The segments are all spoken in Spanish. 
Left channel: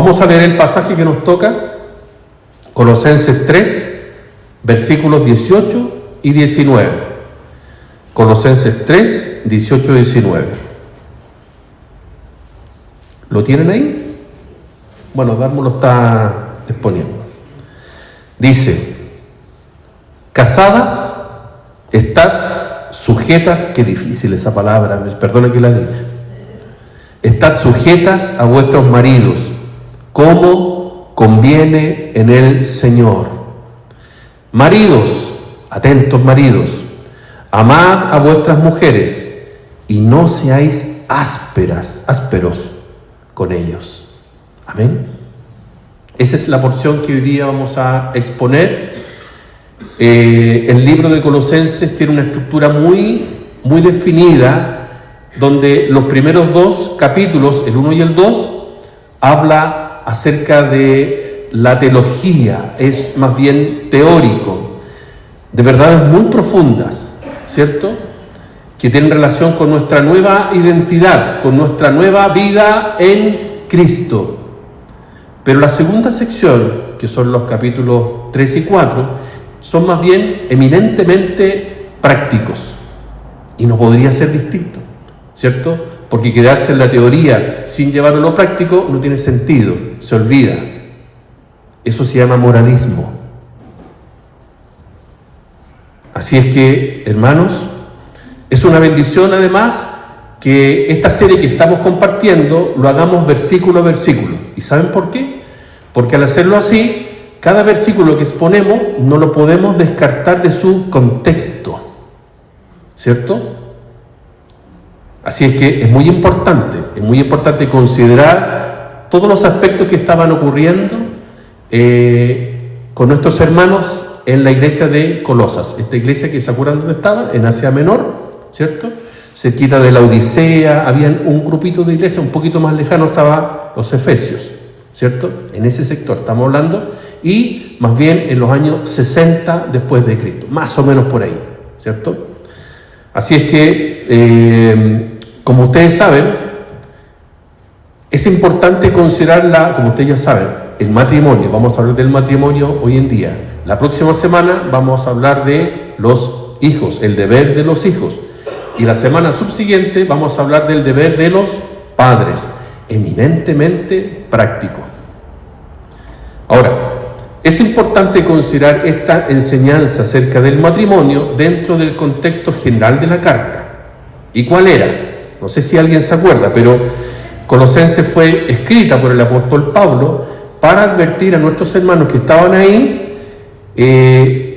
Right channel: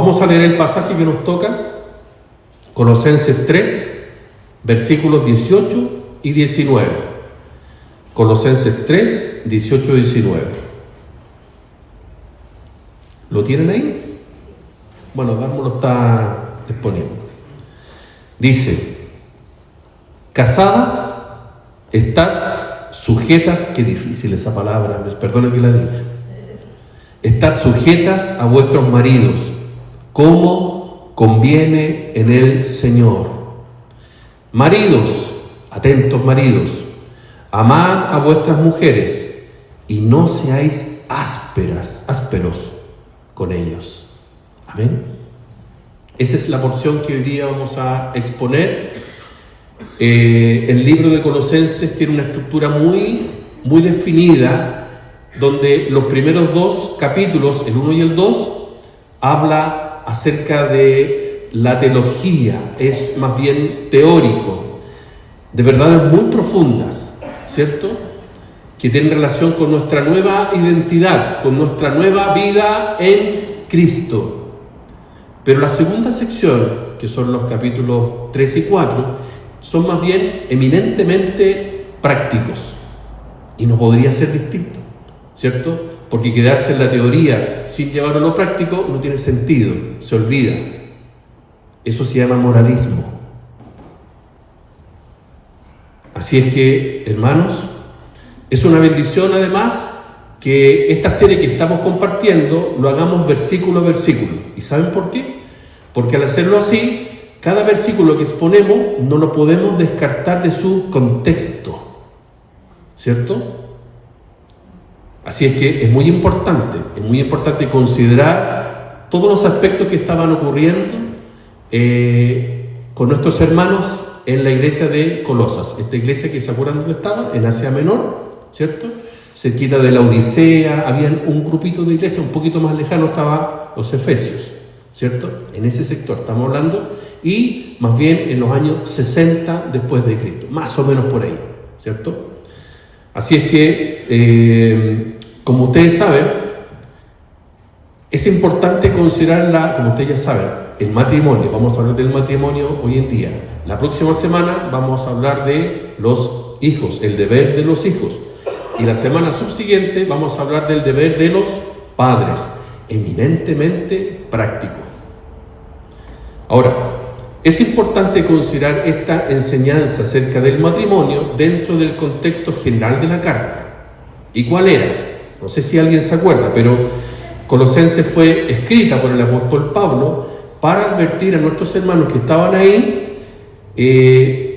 Vamos a leer el pasaje que nos toca, Colosenses 3, versículos 18 y 19. Colosenses 3, 18 y 19. ¿Lo tienen ahí? Bueno, Darmo lo está exponiendo. Dice: casadas, estad sujetas, qué difícil esa palabra, perdonen que la diga. Estad sujetas a vuestros maridos, como conviene en el Señor. Maridos, atentos maridos, amad a vuestras mujeres y no seáis ásperos con ellos. Amén. Esa es la porción que hoy día vamos a exponer. El libro de Colosenses tiene una estructura muy definida, donde los primeros dos capítulos, el 1 y el 2, habla acerca de la teología, es más bien teórico, de verdades muy profundas, ¿cierto?, que tienen relación con nuestra nueva identidad, con nuestra nueva vida en Cristo. Pero la segunda sección, que son los capítulos 3 y 4, son más bien eminentemente prácticos, y no podría ser distinto, ¿cierto? Porque quedarse en la teoría sin llevarlo a lo práctico no tiene sentido, se olvida. Eso se llama moralismo. Así es que, hermanos, es una bendición además que esta serie que estamos compartiendo lo hagamos versículo a versículo. ¿Y saben por qué? Porque al hacerlo así, cada versículo que exponemos no lo podemos descartar de su contexto, ¿cierto? Así es que es muy importante considerar todos los aspectos que estaban ocurriendo con nuestros hermanos en la iglesia de Colosas. Esta iglesia que se acuerdan dónde estaba, en Asia Menor, ¿cierto? Cerquita de la Odisea, había un grupito de iglesias, un poquito más lejano estaban los Efesios, ¿cierto? En ese sector estamos hablando, y más bien en los años 60 después de Cristo, más o menos por ahí, ¿cierto? Así es que, como ustedes saben, es importante considerar, como ustedes ya saben, el matrimonio. Vamos a hablar del matrimonio hoy en día. La próxima semana vamos a hablar de los hijos, el deber de los hijos. Y la semana subsiguiente vamos a hablar del deber de los padres, eminentemente práctico. Ahora, es importante considerar esta enseñanza acerca del matrimonio dentro del contexto general de la carta. ¿Y cuál era? No sé si alguien se acuerda, pero Colosenses fue escrita por el apóstol Pablo para advertir a nuestros hermanos que estaban ahí,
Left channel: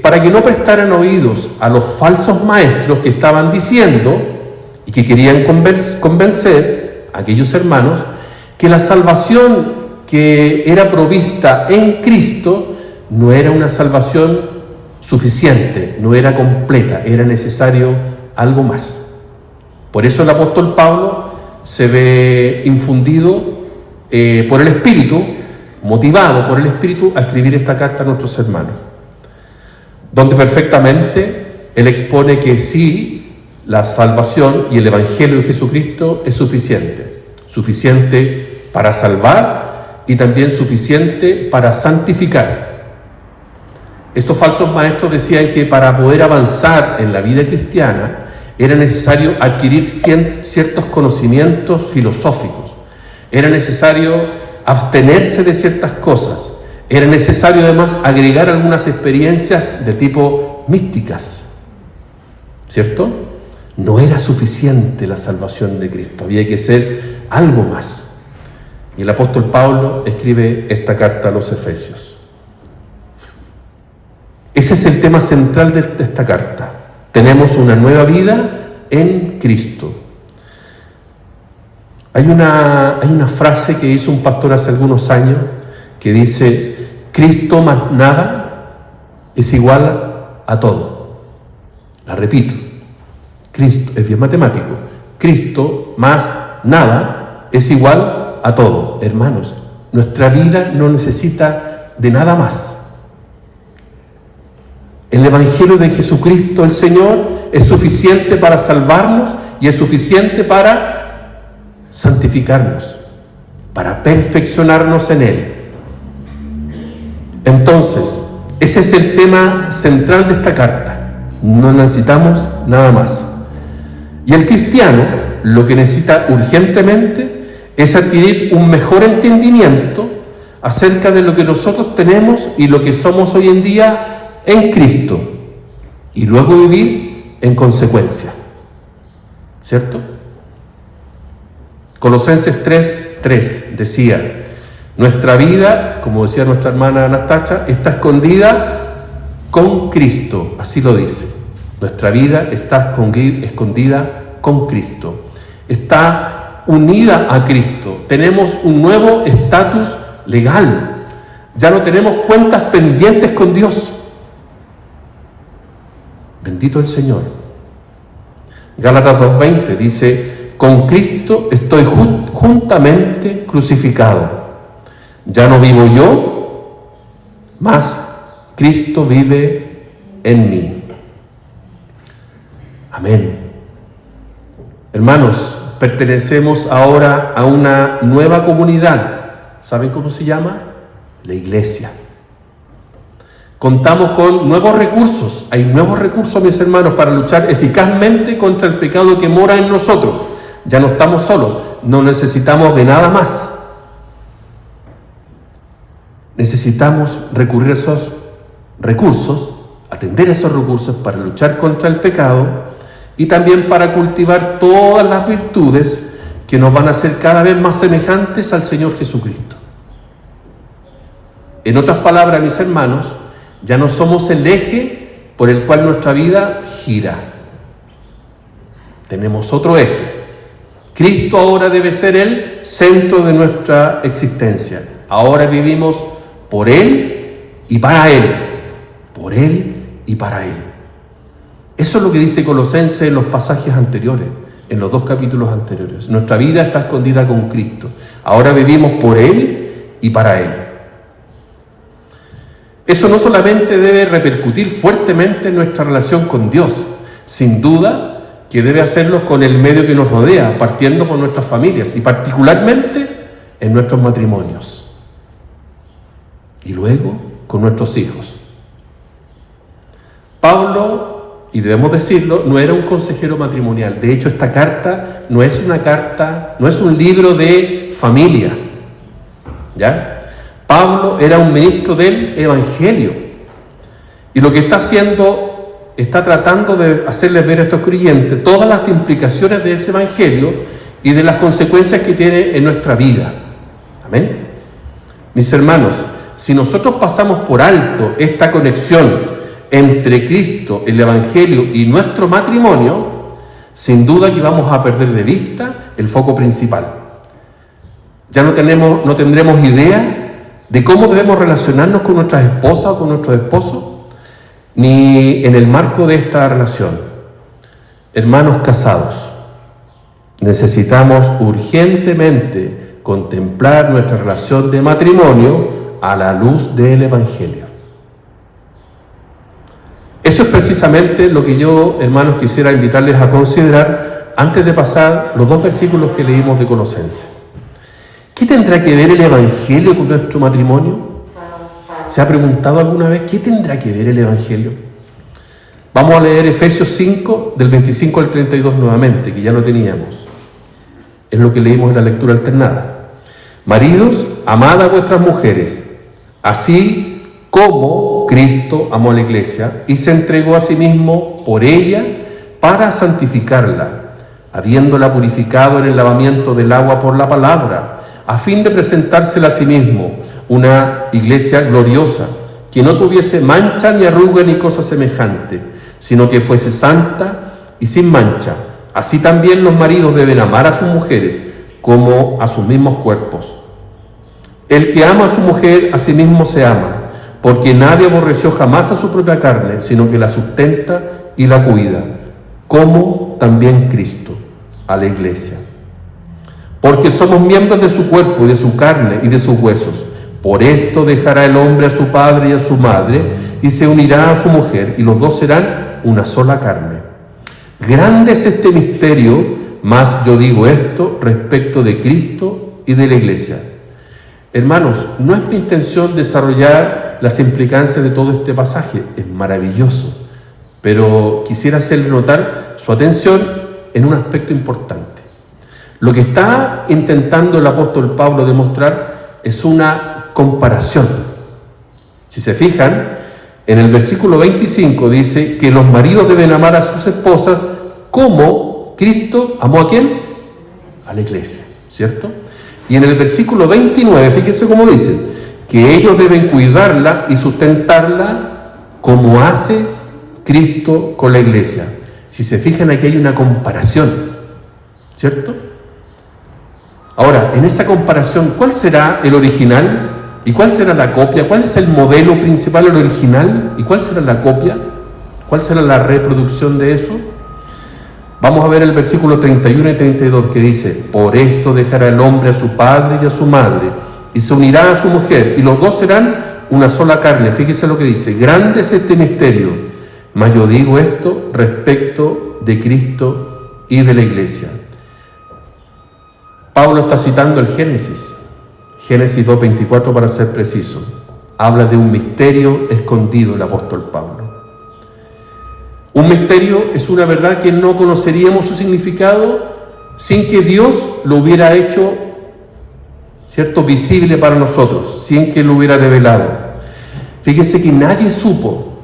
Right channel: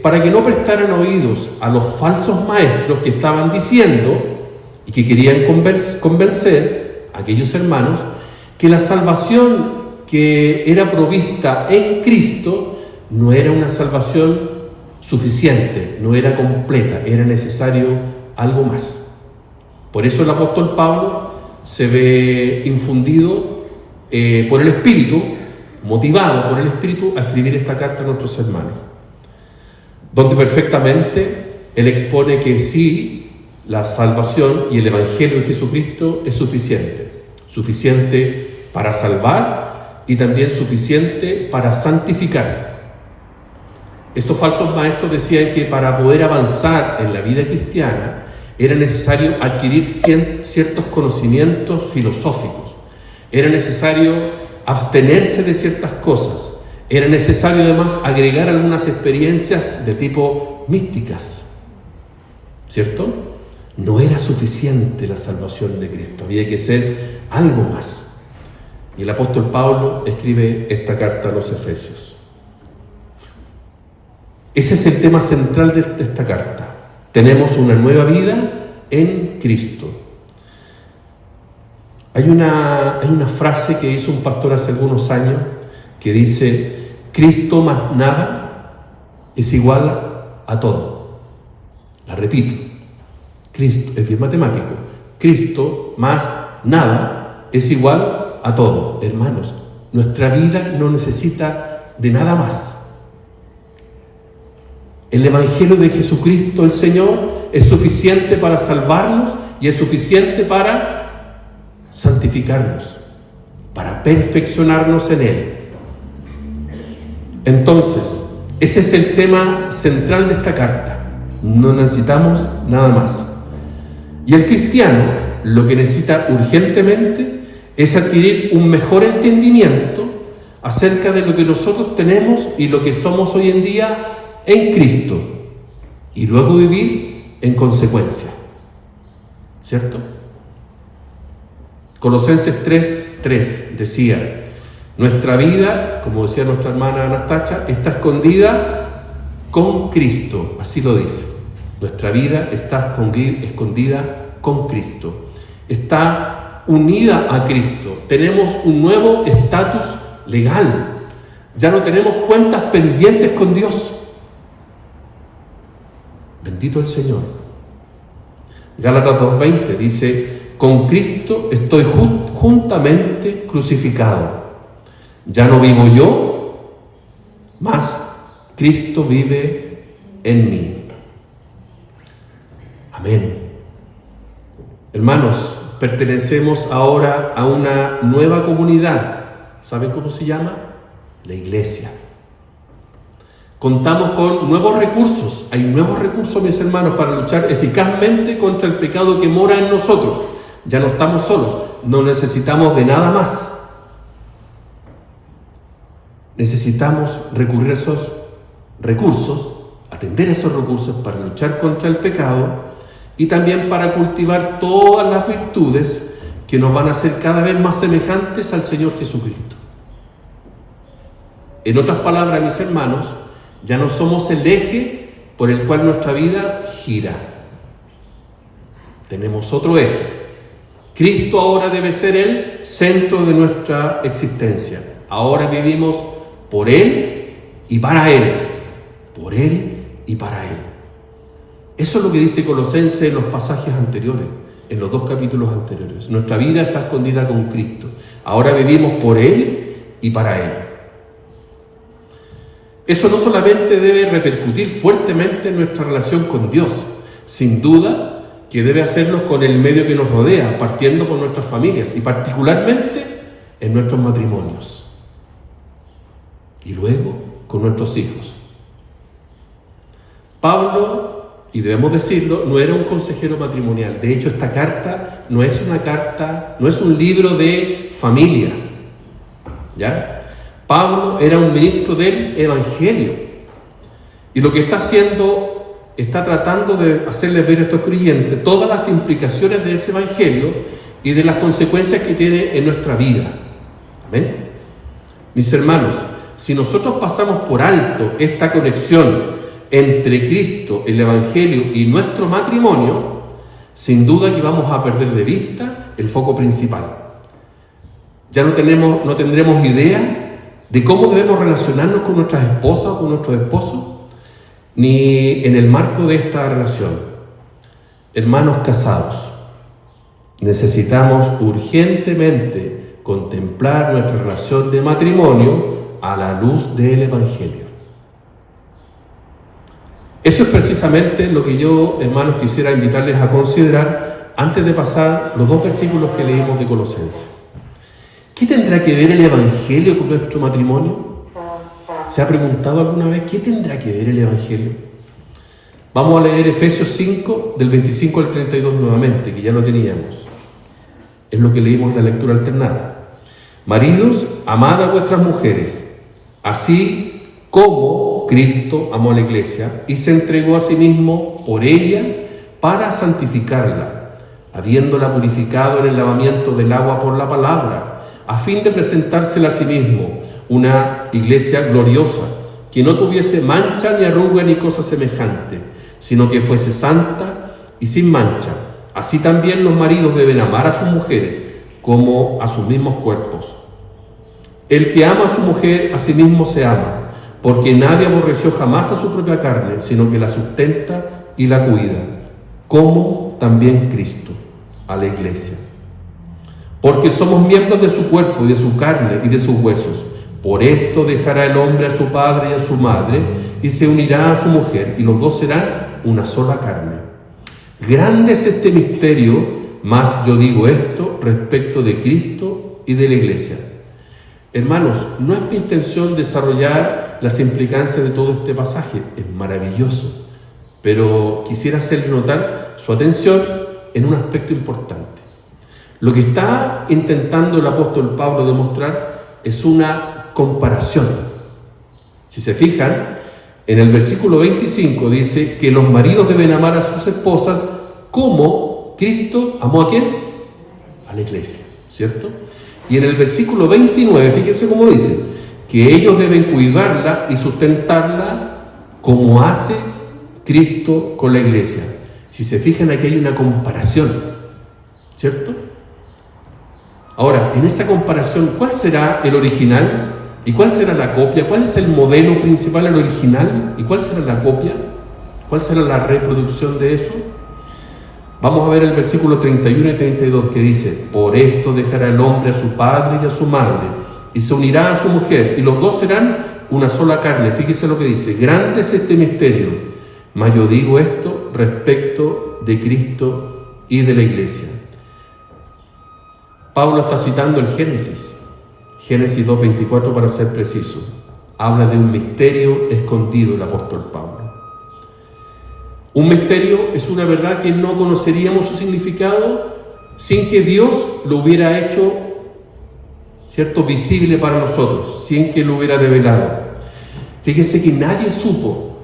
para que no prestaran oídos a los falsos maestros que estaban diciendo y que querían convencer a aquellos hermanos que la salvación que era provista en Cristo no era una salvación suficiente, no era completa, era necesario algo más. Por eso el apóstol Pablo se ve infundido por el Espíritu, motivado por el Espíritu a escribir esta carta a nuestros hermanos, donde perfectamente él expone que sí, la salvación y el Evangelio de Jesucristo es suficiente para salvar y también suficiente para santificar. Estos falsos maestros decían que para poder avanzar en la vida cristiana era necesario adquirir ciertos conocimientos filosóficos, era necesario abstenerse de ciertas cosas, era necesario además agregar algunas experiencias de tipo místicas, ¿cierto? No era suficiente la salvación de Cristo, había que ser algo más. Y el apóstol Pablo escribe esta carta a los Efesios. Ese es el tema central de esta carta. Tenemos una nueva vida en Cristo. Hay una frase que hizo un pastor hace algunos años que dice: Cristo más nada es igual a todo. La repito, Cristo, es bien matemático, Cristo más nada es igual a todo. Hermanos, nuestra vida no necesita de nada más. El Evangelio de Jesucristo, el Señor, es suficiente para salvarnos y es suficiente para santificarnos. para perfeccionarnos en Él. Entonces, ese es el tema central de esta carta. No necesitamos nada más. Y el cristiano lo que necesita urgentemente es adquirir un mejor entendimiento acerca de lo que nosotros tenemos y lo que somos hoy en día en Cristo, y luego vivir en consecuencia. ¿Cierto? Colosenses 3:3 decía: nuestra vida, como decía nuestra hermana Anastasia, está escondida con Cristo. Así lo dice. Nuestra vida está escondida con Cristo. Está unida a Cristo. Tenemos un nuevo estatus legal. Ya no tenemos cuentas pendientes con Dios. Bendito el Señor. Gálatas 2:20 dice: con Cristo estoy juntamente crucificado. Ya no vivo yo, mas Cristo vive en mí. Amén. Hermanos, pertenecemos ahora a una nueva comunidad. ¿Saben cómo se llama? La iglesia. Contamos con nuevos recursos. Hay nuevos recursos, mis hermanos, para luchar eficazmente contra el pecado que mora en nosotros. Ya no estamos solos, no necesitamos de nada más. Necesitamos recurrir a esos recursos, atender a esos recursos para luchar contra el pecado y también para cultivar todas las virtudes que nos van a hacer cada vez más semejantes al Señor Jesucristo. En otras palabras, mis hermanos, ya no somos el eje por el cual nuestra vida gira. Tenemos otro eje. Cristo ahora debe ser el centro de nuestra existencia. Ahora vivimos por Él y para Él. Por Él y para Él. Eso es lo que dice Colosenses en los pasajes anteriores, en los 2 capítulos anteriores. Nuestra vida está escondida con Cristo. Ahora vivimos por Él y para Él. Eso no solamente debe repercutir fuertemente en nuestra relación con Dios, sin duda que debe hacernos con el medio que nos rodea, partiendo con nuestras familias y particularmente en nuestros matrimonios. Y luego con nuestros hijos. Pablo, y debemos decirlo, no era un consejero matrimonial. De hecho, esta carta no es una carta, no es un libro de familia. ¿Ya? Pablo era un ministro del Evangelio. Y lo que está haciendo, está tratando de hacerles ver a estos creyentes todas las implicaciones de ese Evangelio y de las consecuencias que tiene en nuestra vida. Amén. Mis hermanos, si nosotros pasamos por alto esta conexión entre Cristo, el Evangelio y nuestro matrimonio, sin duda que vamos a perder de vista el foco principal. Ya no tendremos idea de cómo debemos relacionarnos con nuestras esposas o con nuestros esposos, ni en el marco de esta relación. Hermanos casados, necesitamos urgentemente contemplar nuestra relación de matrimonio a la luz del Evangelio. Eso es precisamente lo que yo, hermanos, quisiera invitarles a considerar antes de pasar los 2 versículos que leímos de Colosenses. ¿Qué tendrá que ver el Evangelio con nuestro matrimonio? ¿Se ha preguntado alguna vez qué tendrá que ver el Evangelio? Vamos a leer Efesios 5, del 25 al 32 nuevamente, que ya lo teníamos. Es lo que leímos en la lectura alternada. Maridos, amad a vuestras mujeres, así como Cristo amó a la iglesia y se entregó a sí mismo por ella para santificarla, habiéndola purificado en el lavamiento del agua por la palabra, a fin de presentársela a sí mismo, una iglesia gloriosa, que no tuviese mancha ni arruga ni cosa semejante, sino que fuese santa y sin mancha. Así también los maridos deben amar a sus mujeres como a sus mismos cuerpos. El que ama a su mujer a sí mismo se ama, porque nadie aborreció jamás a su propia carne, sino que la sustenta y la cuida, como también Cristo a la iglesia. Porque somos miembros de su cuerpo y de su carne y de sus huesos. Por esto dejará el hombre a su padre y a su madre, y se unirá a su mujer, y los dos serán una sola carne. Grande es este misterio, mas yo digo esto respecto de Cristo y de la iglesia. Hermanos, no es mi intención desarrollar las implicancias de todo este pasaje, es maravilloso, pero quisiera hacerle notar su atención en un aspecto importante. Lo que está intentando el apóstol Pablo demostrar es una comparación. Si se fijan, en el versículo 25 dice que los maridos deben amar a sus esposas como Cristo amó ¿a quién? A la iglesia, ¿cierto? Y en el versículo 29, fíjense cómo dice, que ellos deben cuidarla y sustentarla como hace Cristo con la iglesia. Si se fijan, aquí hay una comparación, ¿cierto? Ahora, en esa comparación, ¿cuál será el original y cuál será la copia? ¿Cuál es el modelo principal, el original? ¿Y cuál será la copia? ¿Cuál será la reproducción de eso? Vamos a ver el versículo 31 y 32 que dice: por esto dejará el hombre a su padre y a su madre, y se unirá a su mujer, y los dos serán una sola carne. Fíjese lo que dice: grande es este misterio, mas yo digo esto respecto de Cristo y de la iglesia. Pablo está citando el Génesis 2:24 para ser preciso. Habla de un misterio escondido el apóstol Pablo. Un misterio es una verdad que no conoceríamos su significado sin que Dios lo hubiera hecho, ¿cierto?, visible para nosotros, sin que lo hubiera revelado. Fíjense que nadie supo,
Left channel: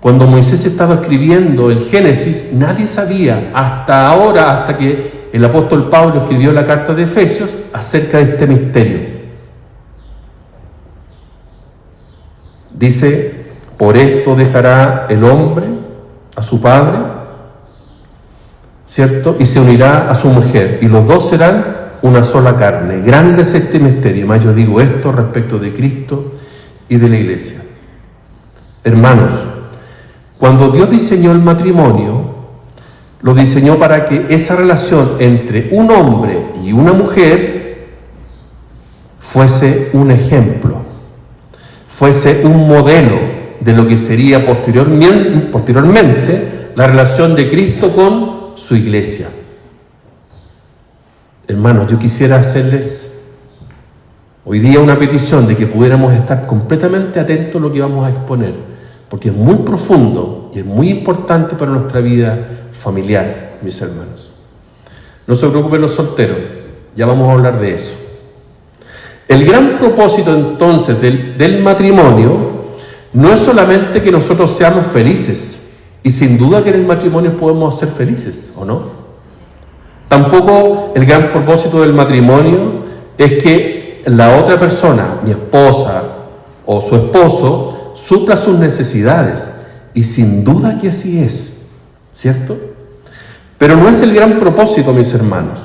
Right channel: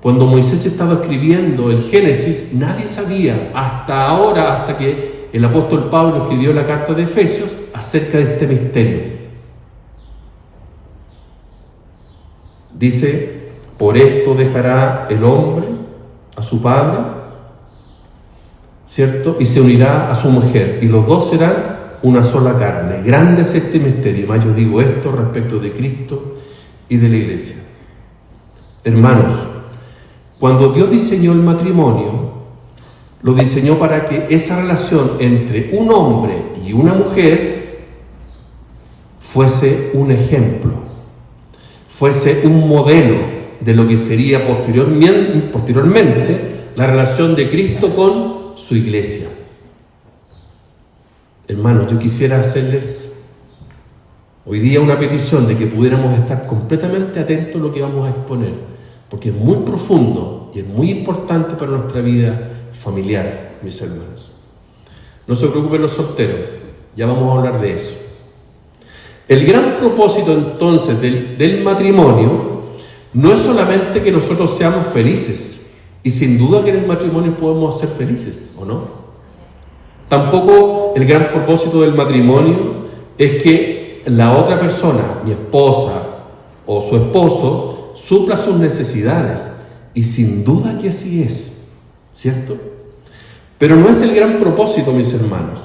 cuando Moisés estaba escribiendo el Génesis, nadie sabía hasta ahora, hasta que el apóstol Pablo escribió la carta de Efesios, acerca de este misterio. Dice: por esto dejará el hombre a su padre, ¿cierto?, y se unirá a su mujer, y los dos serán una sola carne. Grande es este misterio, mas yo digo esto respecto de Cristo y de la iglesia. Hermanos, cuando Dios diseñó el matrimonio, lo diseñó para que esa relación entre un hombre y una mujer fuese un ejemplo, fuese un modelo de lo que sería posteriormente la relación de Cristo con su iglesia. Hermanos, yo quisiera hacerles hoy día una petición de que pudiéramos estar completamente atentos a lo que vamos a exponer, porque es muy profundo y es muy importante para nuestra vida familiar, mis hermanos. No se preocupen los solteros, ya vamos a hablar de eso. El gran propósito entonces del matrimonio no es solamente que nosotros seamos felices, y sin duda que en el matrimonio podemos ser felices, ¿o no? Tampoco el gran propósito del matrimonio es que la otra persona, mi esposa o su esposo, supla sus necesidades, y sin duda que así es, ¿cierto? Pero no es el gran propósito, mis hermanos.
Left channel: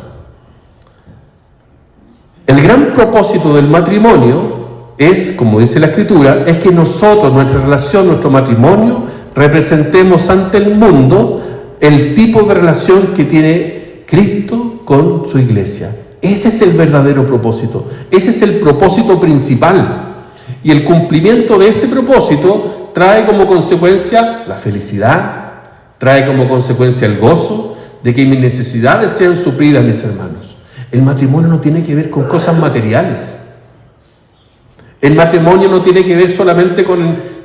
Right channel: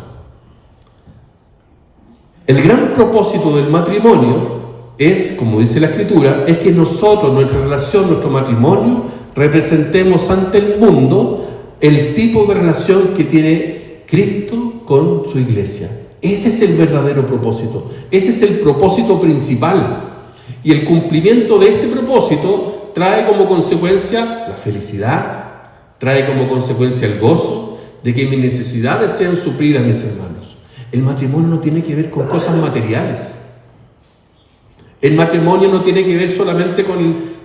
El gran propósito del matrimonio es, como dice la Escritura, es que nosotros, nuestra relación, nuestro matrimonio, representemos ante el mundo el tipo de relación que tiene Cristo con su iglesia. Ese es el verdadero propósito, ese es el propósito principal. Y el cumplimiento de ese propósito trae como consecuencia la felicidad, trae como consecuencia el gozo de que mis necesidades sean suplidas, mis hermanos. El matrimonio no tiene que ver con cosas materiales. El matrimonio no tiene que ver solamente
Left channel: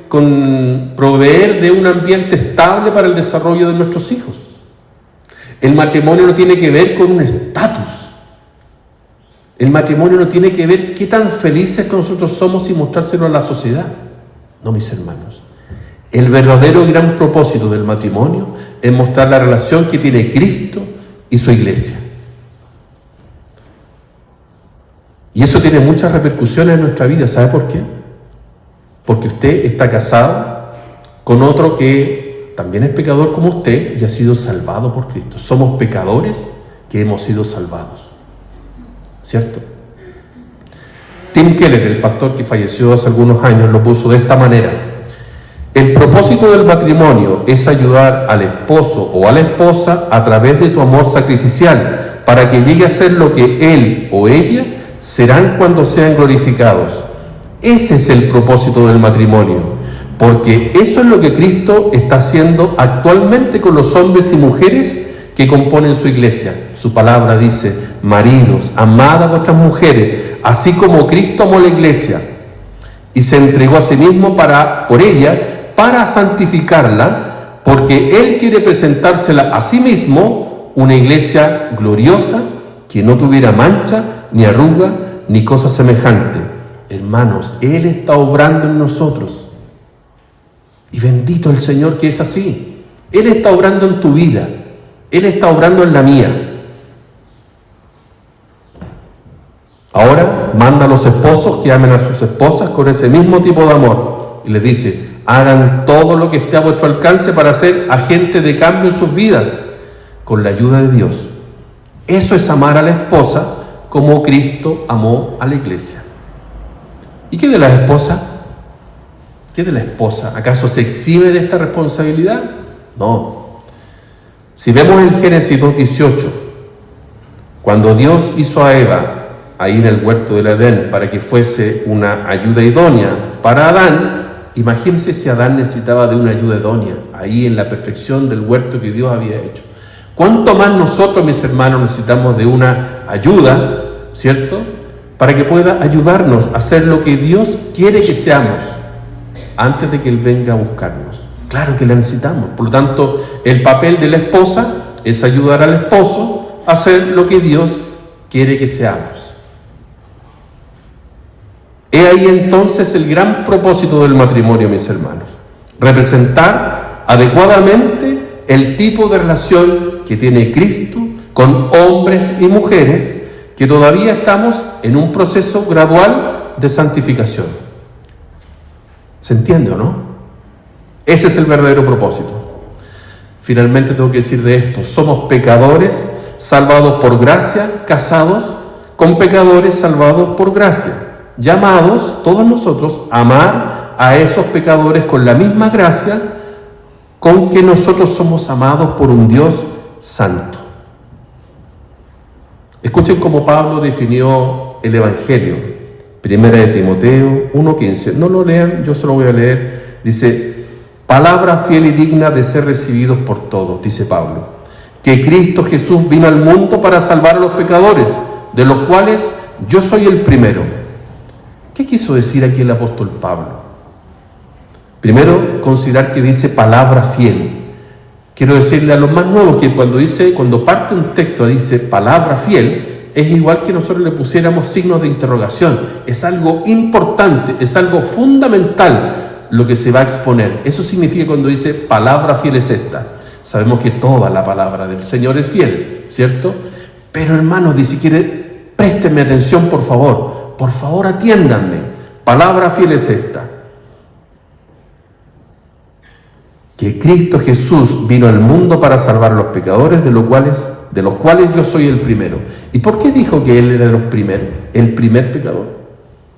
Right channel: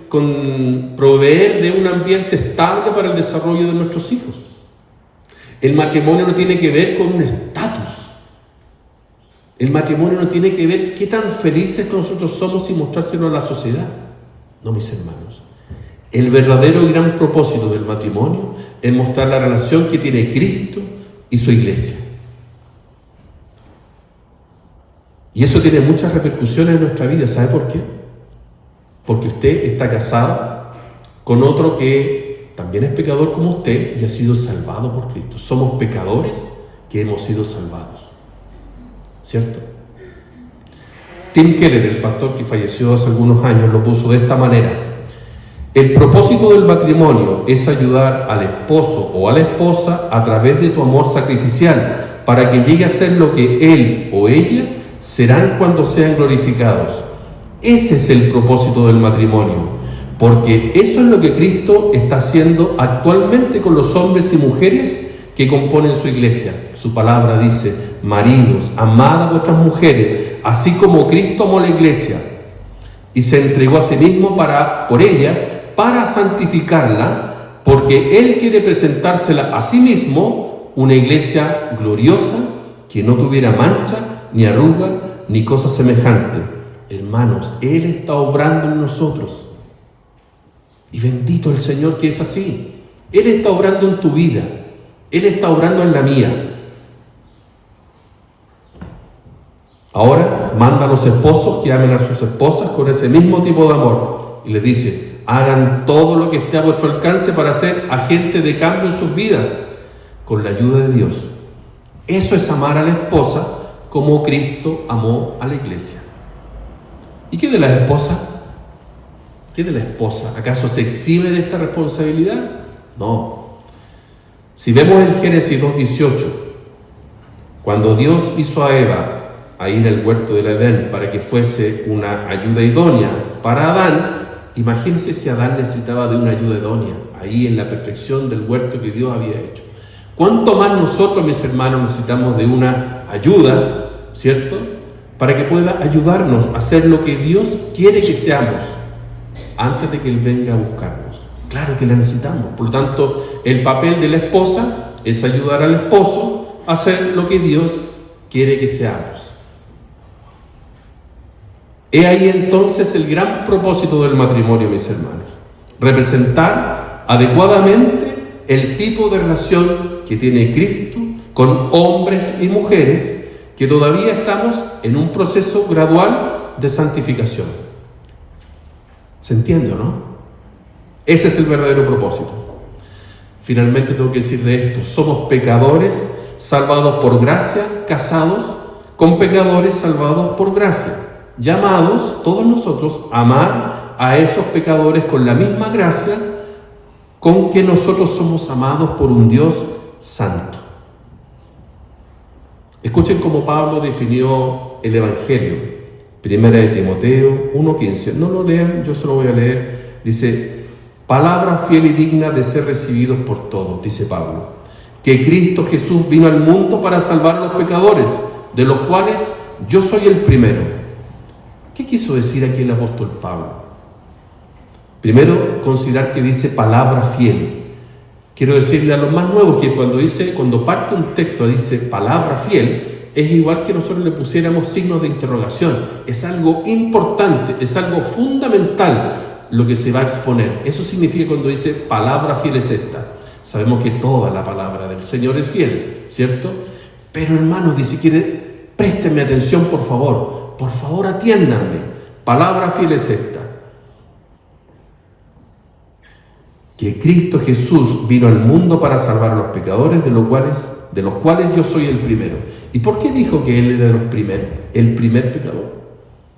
con proveer de un ambiente estable para el desarrollo de nuestros hijos. El matrimonio no tiene que ver con un estatus. El matrimonio no tiene que ver qué tan felices nosotros somos y mostrárselo a la sociedad. No, mis hermanos. El verdadero y gran propósito del matrimonio es mostrar la relación que tiene Cristo y su iglesia. Y eso tiene muchas repercusiones en nuestra vida. ¿Sabe por qué? Porque usted está casado con otro que también es pecador como usted y ha sido salvado por Cristo. Somos pecadores que hemos sido salvados, ¿cierto? Tim Keller, el pastor que falleció hace algunos años, lo puso de esta manera: el propósito del matrimonio es ayudar al esposo o a la esposa a través de tu amor sacrificial para que llegue a ser lo que él o ella serán cuando sean glorificados. Ese es el propósito del matrimonio, porque eso es lo que Cristo está haciendo actualmente con los hombres y mujeres que componen su iglesia. su palabra dice: maridos, amad a vuestras mujeres, así como Cristo amó a la iglesia y se entregó a sí mismo por ella, para santificarla, porque Él quiere presentársela a sí mismo una iglesia gloriosa, que no tuviera mancha, ni arruga, ni cosa semejante. Hermanos, Él está obrando en nosotros. Y bendito el Señor que es así. Él está obrando en tu vida. Él está obrando en la mía. Ahora manda a los esposos que amen a sus esposas con ese mismo tipo de amor. Y les dice: hagan todo lo que esté a vuestro alcance para ser agentes de cambio en sus vidas, con la ayuda de Dios. Eso es amar a la esposa como Cristo amó a la iglesia. ¿Y qué de las esposas? ¿Qué de la esposa? ¿Acaso se exime de esta responsabilidad? No. Si vemos en Génesis 2:18, cuando Dios hizo a Eva a ir al huerto del Edén para que fuese una ayuda idónea para Adán, imagínense si Adán necesitaba de una ayuda idónea, ahí en la perfección del huerto que Dios había hecho. ¿Cuánto más nosotros, mis hermanos, necesitamos de una ayuda, ¿cierto?, para que pueda ayudarnos a hacer lo que Dios quiere que seamos antes de que Él venga a buscarnos? Claro que la necesitamos. Por lo tanto, el papel de la esposa es ayudar al esposo a hacer lo que Dios quiere que seamos. He ahí entonces el gran propósito del matrimonio, mis hermanos: representar adecuadamente el tipo de relación que tiene Cristo con hombres y mujeres que todavía estamos en un proceso gradual de santificación. ¿Se entiende o no? Ese es el verdadero propósito. Finalmente tengo que decir de esto: somos pecadores salvados por gracia, casados con pecadores salvados por gracia, llamados todos nosotros a amar a esos pecadores con la misma gracia con que nosotros somos amados por un Dios santo. Escuchen cómo Pablo definió el Evangelio. Primera de Timoteo 1:15. No lo lean, yo se lo voy a leer. Dice: palabra fiel y digna de ser recibidos por todos, dice Pablo, que Cristo Jesús vino al mundo para salvar a los pecadores, de los cuales yo soy el primero. ¿Qué quiso decir aquí el apóstol Pablo? Primero, considerar que dice palabra fiel. Quiero decirle a los más nuevos que cuando parte un texto dice palabra fiel, es igual que nosotros le pusiéramos signos de interrogación. Es algo importante, es algo fundamental lo que se va a exponer. Eso significa cuando dice palabra fiel es esta. Sabemos que toda la palabra del Señor es fiel, ¿cierto? Pero hermanos, dice, préstenme atención, por favor atiéndanme. Palabra fiel es esta: que Cristo Jesús vino al mundo para salvar a los pecadores, de los cuales yo soy el primero. ¿Y por qué dijo que Él era el primer pecador?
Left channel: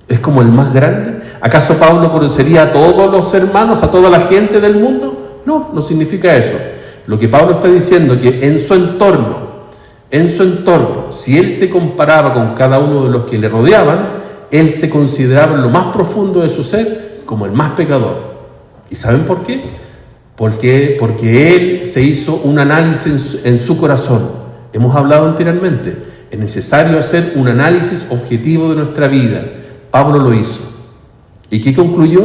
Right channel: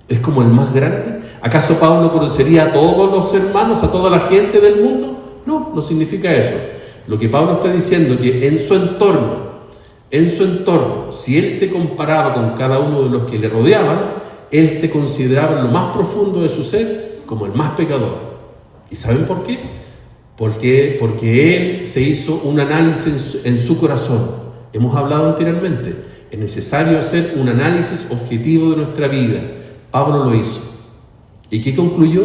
¿Es como el más grande? ¿Acaso Pablo conocería a todos los hermanos, a toda la gente del mundo? No, no significa eso. Lo que Pablo está diciendo es que en su entorno, si él se comparaba con cada uno de los que le rodeaban, él se consideraba en lo más profundo de su ser como el más pecador. ¿Y saben por qué? Porque él se hizo un análisis en su corazón. Hemos hablado anteriormente, es necesario hacer un análisis objetivo de nuestra vida. Pablo lo hizo. ¿Y qué concluyó?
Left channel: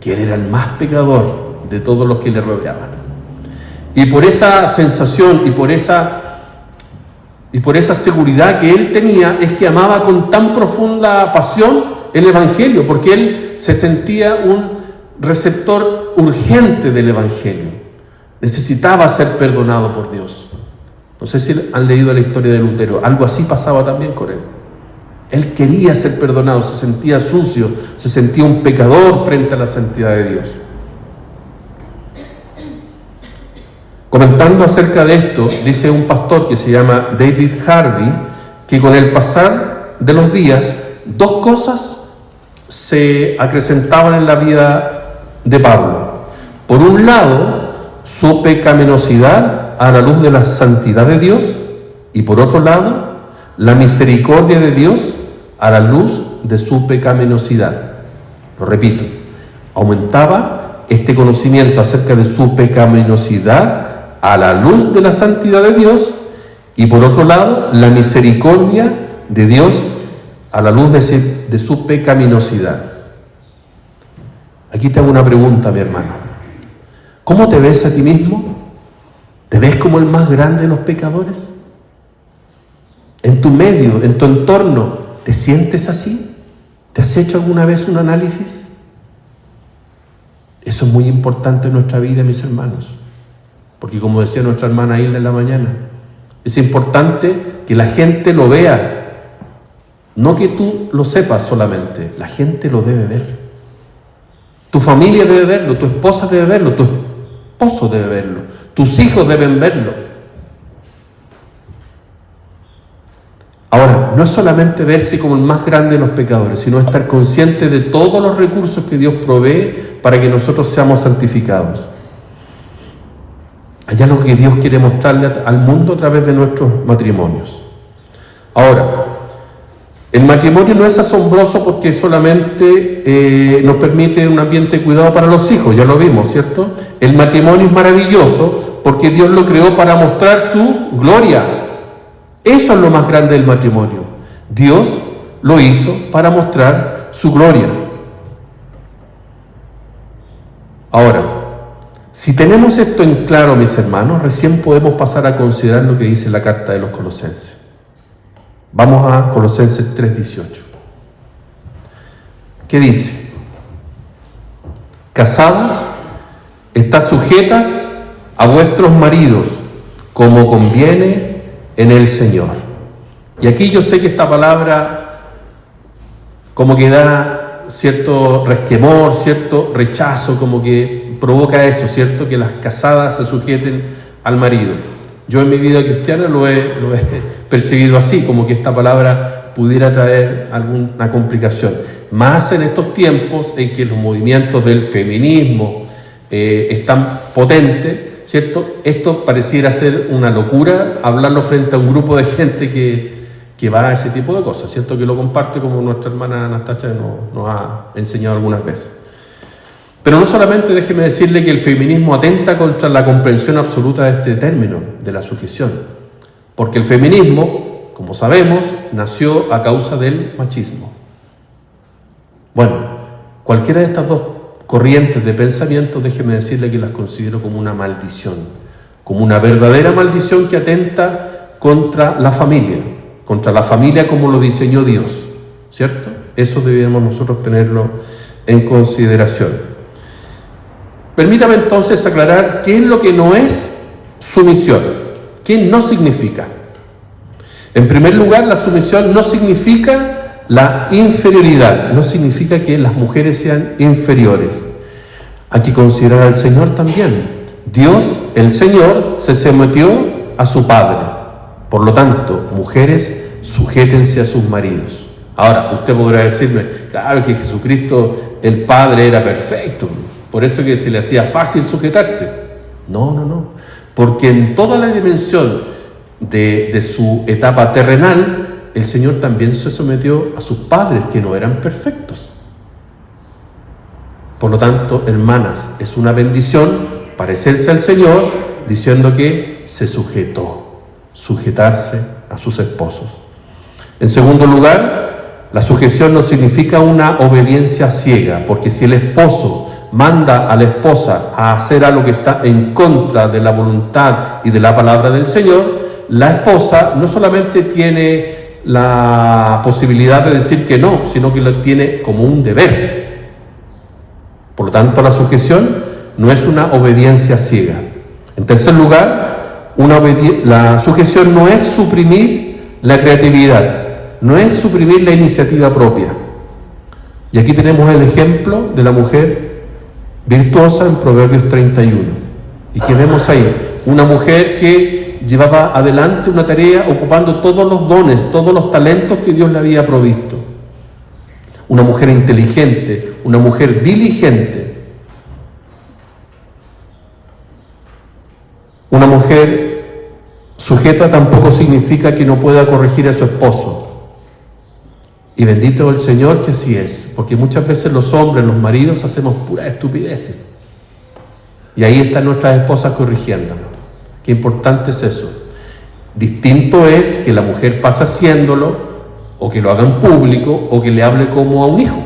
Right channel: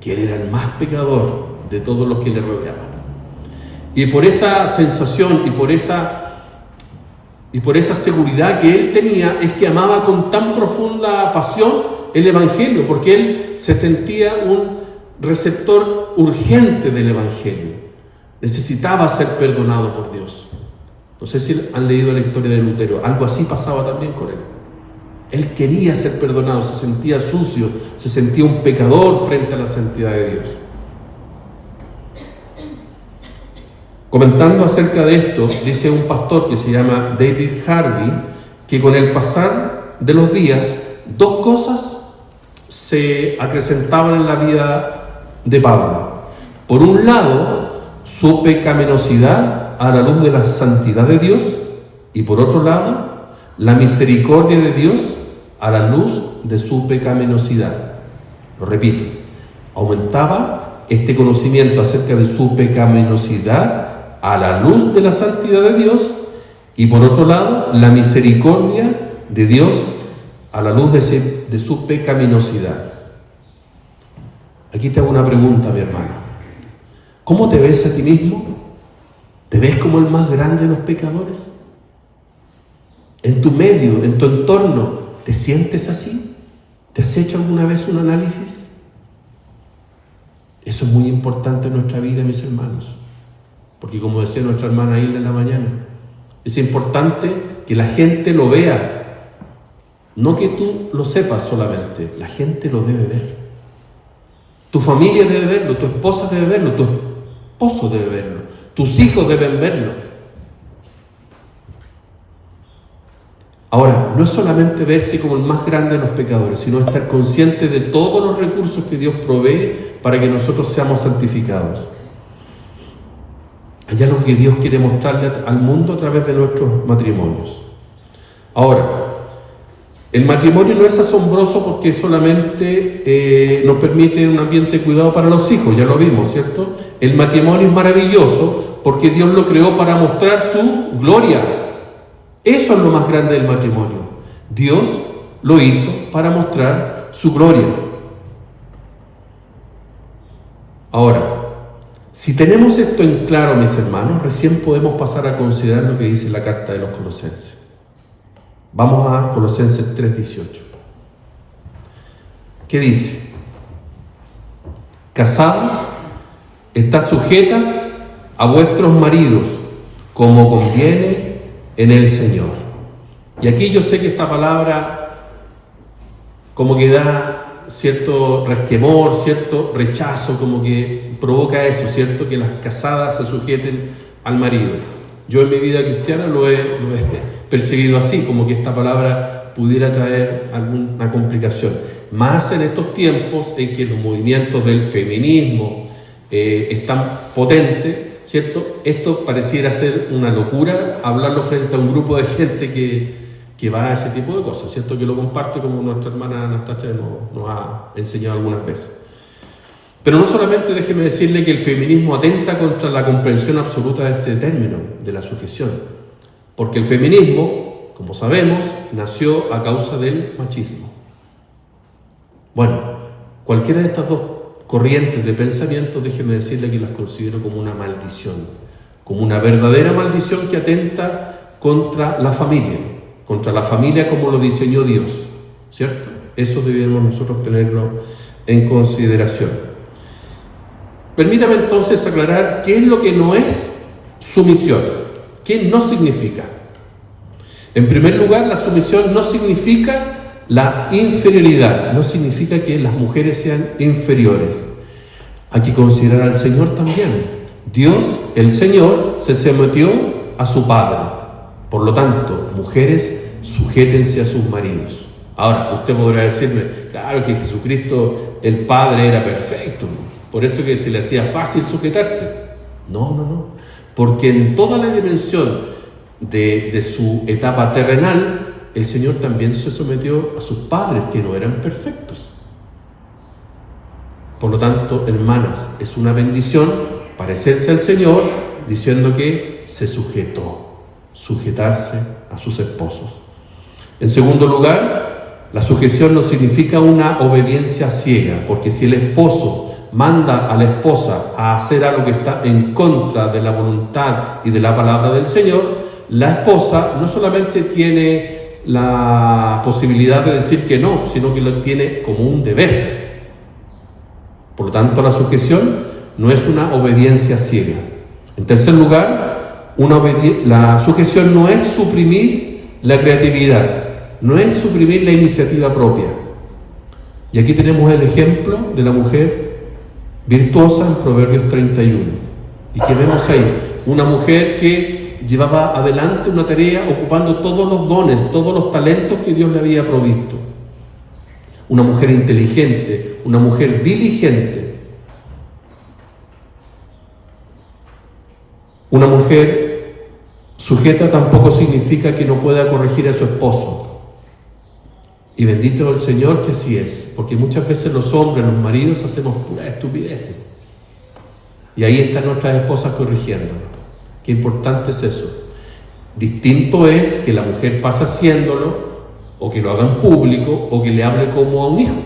Que él era el más pecador de todos los que le rodeaban. Y por esa sensación y por esa seguridad que él tenía, es que amaba con tan profunda pasión el Evangelio, porque él se sentía un receptor urgente del Evangelio. Necesitaba ser perdonado por Dios. No sé si han leído la historia de Lutero. Algo así pasaba también con él. Él quería ser perdonado, se sentía sucio, se sentía un pecador frente a la santidad de Dios. Comentando acerca de esto, dice un pastor que se llama David Harvey, que con el pasar de los días, dos cosas se acrecentaban en la vida de Pablo. Por un lado, su pecaminosidad a la luz de la santidad de Dios, y por otro lado, la misericordia de Dios a la luz de su pecaminosidad. Lo repito, aumentaba este conocimiento acerca de su pecaminosidad a la luz de la santidad de Dios, Y por otro lado, la misericordia de Dios a la luz de su pecaminosidad. Aquí te hago una pregunta, mi hermano. ¿Cómo te ves a ti mismo? ¿Te ves como el más grande de los pecadores? ¿En tu medio, en tu entorno, te sientes así? ¿Te has hecho alguna vez un análisis? Eso es muy importante en nuestra vida, mis hermanos. Porque como decía nuestra hermana Hilda en la mañana, es importante que la gente lo vea. No que tú lo sepas solamente, la gente lo debe ver. Tu familia debe verlo, tu esposa debe verlo, tu esposo debe verlo, tus hijos deben verlo. Ahora, no es solamente verse como el más grande de los pecadores, sino estar consciente de todos los recursos que Dios provee para que nosotros seamos santificados. Hay algo que Dios quiere mostrarle al mundo a través de nuestros matrimonios. Ahora, el matrimonio no es asombroso porque solamente nos permite un ambiente de cuidado para los hijos, ya lo vimos, ¿cierto? El matrimonio es maravilloso porque Dios lo creó para mostrar su gloria. Eso es lo más grande del matrimonio. Dios lo hizo para mostrar su gloria. Ahora, si tenemos esto en claro, mis hermanos, recién podemos pasar a considerar lo que dice la carta de los Colosenses. Vamos a Colosenses 3:18. ¿Qué dice? Casadas, estad sujetas a vuestros maridos, como conviene en el Señor. Y aquí yo sé que esta palabra como que da cierto resquemor, cierto rechazo, como que provoca eso, ¿cierto? Que las casadas se sujeten al marido. Yo en mi vida cristiana lo he percibido así, como que esta palabra pudiera traer alguna complicación. Más en estos tiempos en que los movimientos del feminismo están potentes, ¿cierto? Esto pareciera ser una locura hablarlo frente a un grupo de gente que va a ese tipo de cosas, ¿cierto? Que lo comparte, como nuestra hermana Anastasia nos ha enseñado algunas veces. Pero no solamente, déjeme decirle que el feminismo atenta contra la comprensión absoluta de este término, de la sujeción, porque el feminismo, como sabemos, nació a causa del machismo. Bueno, cualquiera de estas dos corrientes de pensamiento, déjeme decirle que las considero como una maldición, como una verdadera maldición que atenta contra la familia como lo diseñó Dios, ¿cierto? Eso debemos nosotros tenerlo en consideración. Permítame entonces aclarar qué es lo que no es sumisión, qué no significa. En primer lugar, la sumisión no significa la inferioridad, no significa que las mujeres sean inferiores. Hay que considerar al Señor también. Dios, el Señor, se sometió a su Padre. Por lo tanto, mujeres, sujétense a sus maridos. Ahora, usted podrá decirme, claro que Jesucristo, el Padre, era perfecto, por eso que se le hacía fácil sujetarse. No. Porque en toda la dimensión de su etapa terrenal, el Señor también se sometió a sus padres, que no eran perfectos. Por lo tanto, hermanas, es una bendición parecerse al Señor diciendo que se sujetarse a sus esposos. En segundo lugar, la sujeción no significa una obediencia ciega, porque si el esposo manda a la esposa a hacer algo que está en contra de la voluntad y de la palabra del Señor, la esposa no solamente tiene la posibilidad de decir que no, sino que lo tiene como un deber. Por lo tanto, la sujeción no es una obediencia ciega. En tercer lugar, la sujeción no es suprimir la creatividad, no es suprimir la iniciativa propia. Y aquí tenemos el ejemplo de la mujer virtuosa en Proverbios 31. ¿Y qué vemos ahí? Una mujer que llevaba adelante una tarea ocupando todos los dones, todos los talentos que Dios le había provisto. Una mujer inteligente, una mujer diligente. Una mujer sujeta tampoco significa que no pueda corregir a su esposo. Y bendito el Señor que así es, porque muchas veces los hombres, los maridos, hacemos puras estupideces. Y ahí están nuestras esposas corrigiéndonos. Qué importante es eso. Distinto es que la mujer pase haciéndolo, o que lo haga en público, o que le hable como a un hijo,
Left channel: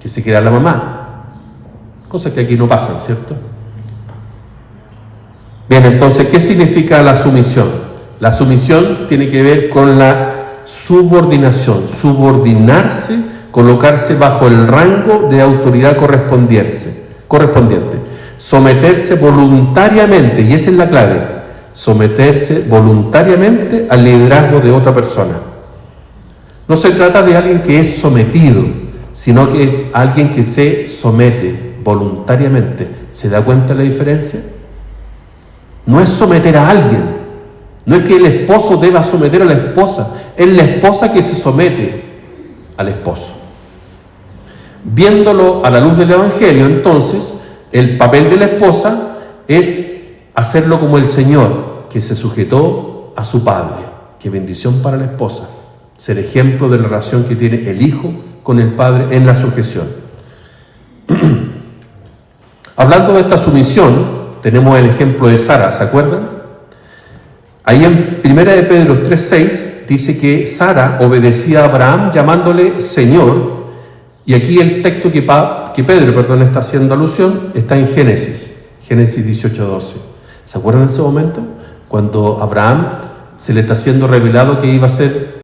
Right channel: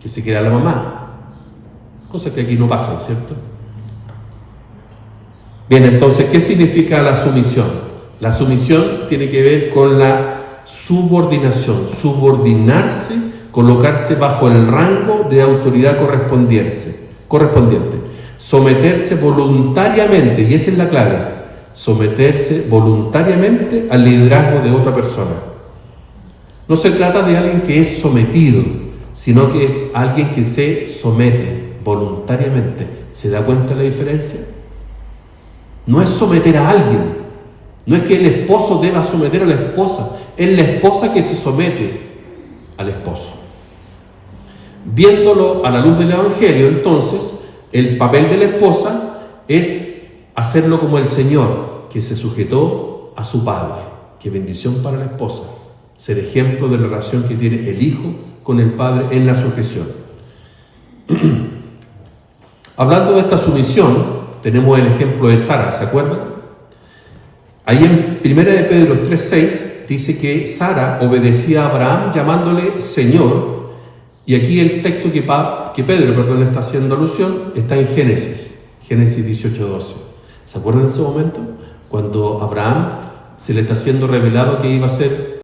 que se crea la mamá. Cosas que aquí no pasan, ¿cierto? Bien, entonces, ¿qué significa la sumisión? La sumisión tiene que ver con la subordinación, subordinarse, colocarse bajo el rango de autoridad correspondiente, someterse voluntariamente, y esa es la clave, someterse voluntariamente al liderazgo de otra persona. No se trata de alguien que es sometido, sino que es alguien que se somete voluntariamente. ¿Se da cuenta la diferencia? No es someter a alguien, no es que el esposo deba someter a la esposa, es la esposa que se somete al esposo. Viéndolo a la luz del Evangelio, entonces, el papel de la esposa es hacerlo como el Señor, que se sujetó a su Padre. Qué bendición para la esposa, ser ejemplo de la relación que tiene el Hijo con el Padre en la sujeción. Hablando de esta sumisión, tenemos el ejemplo de Sara, ¿se acuerdan? Ahí en 1 de Pedro 3:6 dice que Sara obedecía a Abraham llamándole Señor, y aquí el texto que Pedro está haciendo alusión está en Génesis 18:12. ¿Se acuerdan de ese momento? Cuando Abraham se le está siendo revelado que iba a ser